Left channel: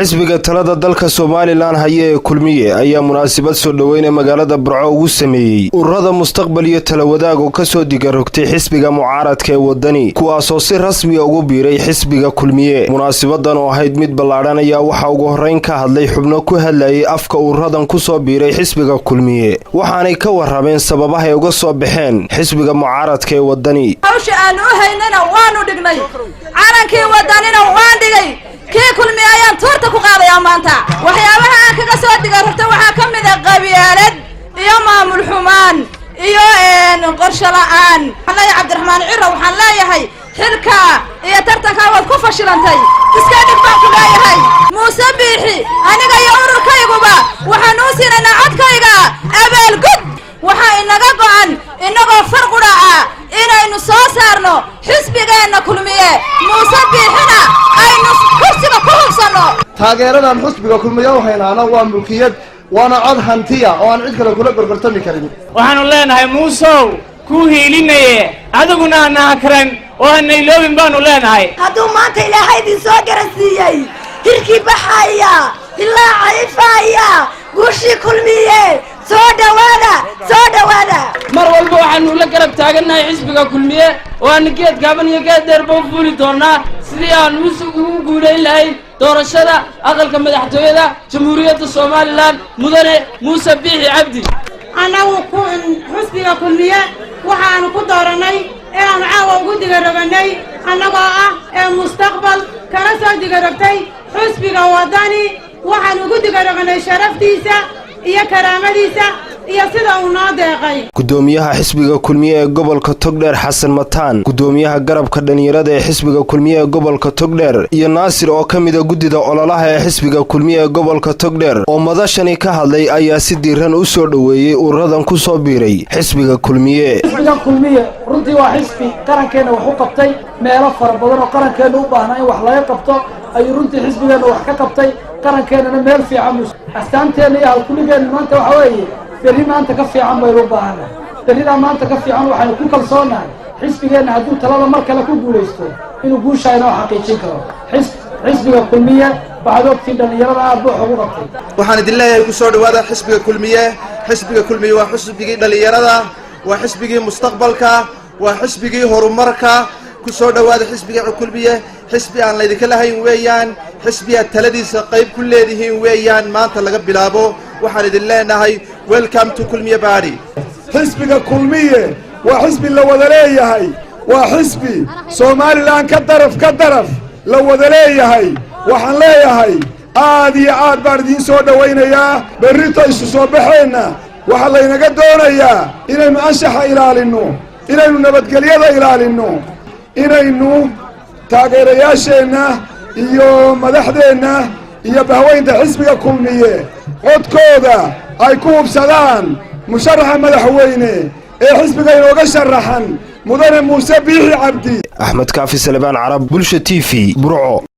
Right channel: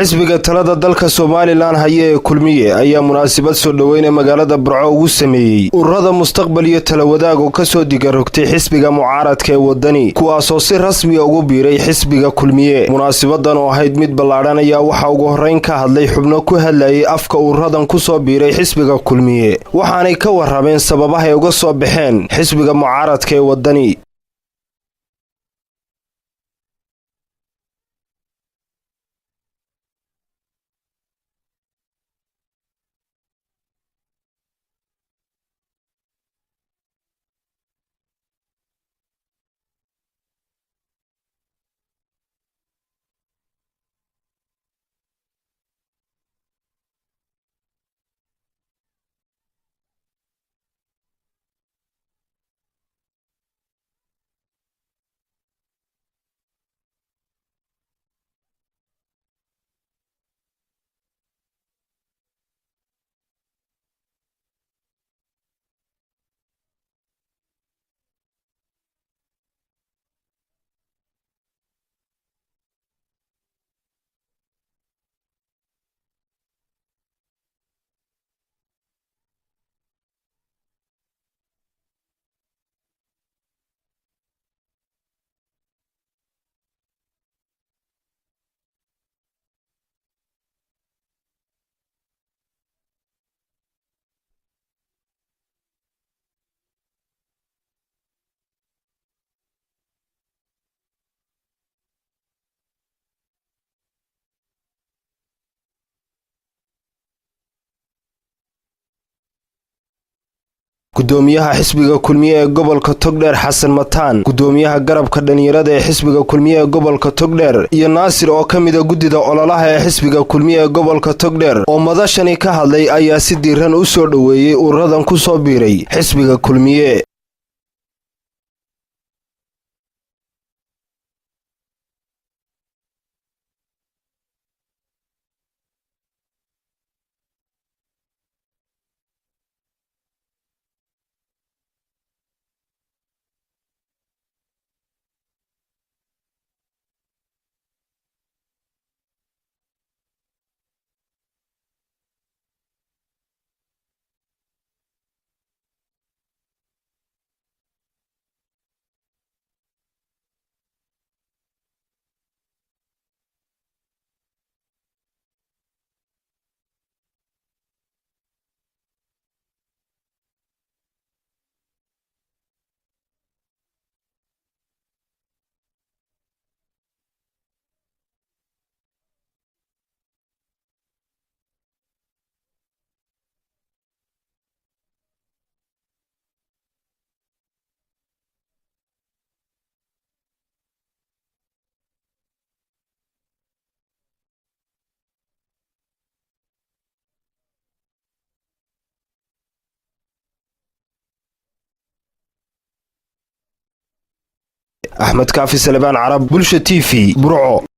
xisbiga talada dalka Soomaaliland haye kulmiye ayaa munaasabad soo dhaweynay magaalada Burco ugu sameeyay ururada mustaqbal iyo tala wadaag oo ka soo digarogtay xisbiga mucaaradka ee wadani kuwaas oo si rasmi ah ugu biiray xisbiga kulmiye. Munaasabadan oo ahayd mid ballaaran ayaa waxa ugu horeyn ka hadlay xubno ku hadlayay afka ururadan ku soo biiray xisbiga kulmiye, waxaanay ka warrameen sababaha ay uga soo baxeen xisbiga mucaaradka ee wadani. hawsha aan u haynana waanu dhignay, calankii wadanina waan dhigay, kii kulmiye ayaan toorta ku qaadayaa maanta. waxyaabaha aan kaga soo digarogtay waxaa ka mid ah qabyaalad iyo maamul xumaan iyo qorshe la'aan. Xalay Cabdiraxmaan Ciro waxaan leeyahay xilka iyo tartanka waad ku fashilantay, iska dhig baan ku leeyahay. Muuse Biixi aniga iyo ururkayguba waxaan u siinaynaa codkayga abaalgud. waxaa inaga go'an inagoo farqudha ah inaynu soo saarno xisbigeena kulmiye, Muuse Biixina aynu kursiga ku hubsano. taageeradan xisbiga kulmiye oo haynaana waa mulkiyad waana cod hantiya oo aan cid kale kula gorgortami karin. waxaanu leenahay muusow ku hiilinaye adiguna anaa karan oo aanay loobin baanu leenahay. hadduu maanta ilaahay idin soo garansiiyey hirkii baxaya ilaa caifaya guushii kulmiye soo dhawaada mar walba waxaanu la garab taagannahay xisbiga kulmiye oo aan geed gaaban iyo geed dheer baa fuuli doonaa sidii aan ugu guulayn lahayn doorashada aqalka madaxtooyada jamhuuriyadda Soomaaliland mudane Muuse Biixi Cabdi. anagu xisbiga kulmiye waxaanu ku dooranay inaan caawa ugu digaroganay annagoo ah ee mustaqbal kala soo digarogtay xisbiga wadani. waxaan ugu digaroganay sharaftiisa iyo karaamadiisa iyo sida uu noo deeqay. gudoomiyaha xisbiga kulmiye ee gobolka Togdheer Xasan Mataan, gudoomiyaha garabka dhalinyarada ee xisbiga kulmiye ee gobolka Togdheer iyo Naasir oo kamid ah gudida ololaha ee xisbiga kulmiye ee gobolka Togdheer oo madashani ka hadlay ayaa si diiran u soo dhaweeyay ururadan ku soo biiray xisbiga kulmiye. xisbiga kulmiye runtii waa xisbi qarankeena wax u qabtay meelo fara badan oo qarankeena u baahnaa in wax laga qabto ayuu runtii xisbigeena wax ka qabtay qarankeena meel fiican astaanteena iyo halkuligeena maanta waxa weeye berri maanta ka fiican baynu u baahanahay. berridaa maanta ka fiican waxaynu ku kalsoonahay xisbigeena hadduu talada mar kale ku guulaysto inuu guusha inoo xaqiijin karo. xisbiga kulmiye waxaad ogtiin dhalinyarada aad buu ugu qabtay. waxaan idin leeyahay ku soo dhawaada xisbiga kulmiye. xisbiga kulmiye waa xisbigii dhalinyarada, waa xisbigii mustaqbalka, waa xisbigii horumarka. ku soo dhawaada xisbiga kulmiye. xisbi aan laydinka lahayn weeyaan, xisbi aad taladiisa qayb ku leedihiin weeyaan. maanta laga bilaabo waxaan idin leenahay welcome to kulmiye party. xisbiga kulmiye waa xisbi la wada leeyahay, waa xisbi Soomaaliland ka daraf la wada leeyahay. waxaan leeyahay aad iyo aad baan idin soo dhawaynayaa. berrito isu soo baxeenna waxaa laynaga doonayaa inaynu anshaxa ilaalino, inaynu nabadgelyada ilaalino, inaynu taageerayaasheenna iyo madaxdeenna iyo bahweynta xisbiga kulmiye codkooda ay ku hubsadaan musharaxa madaxweyne ee xisbiga inooga sharaxan mudane Muuse Biixi Cabdi. Axmed Kaafi Salebaan Carab, Bulsha TV, Burco.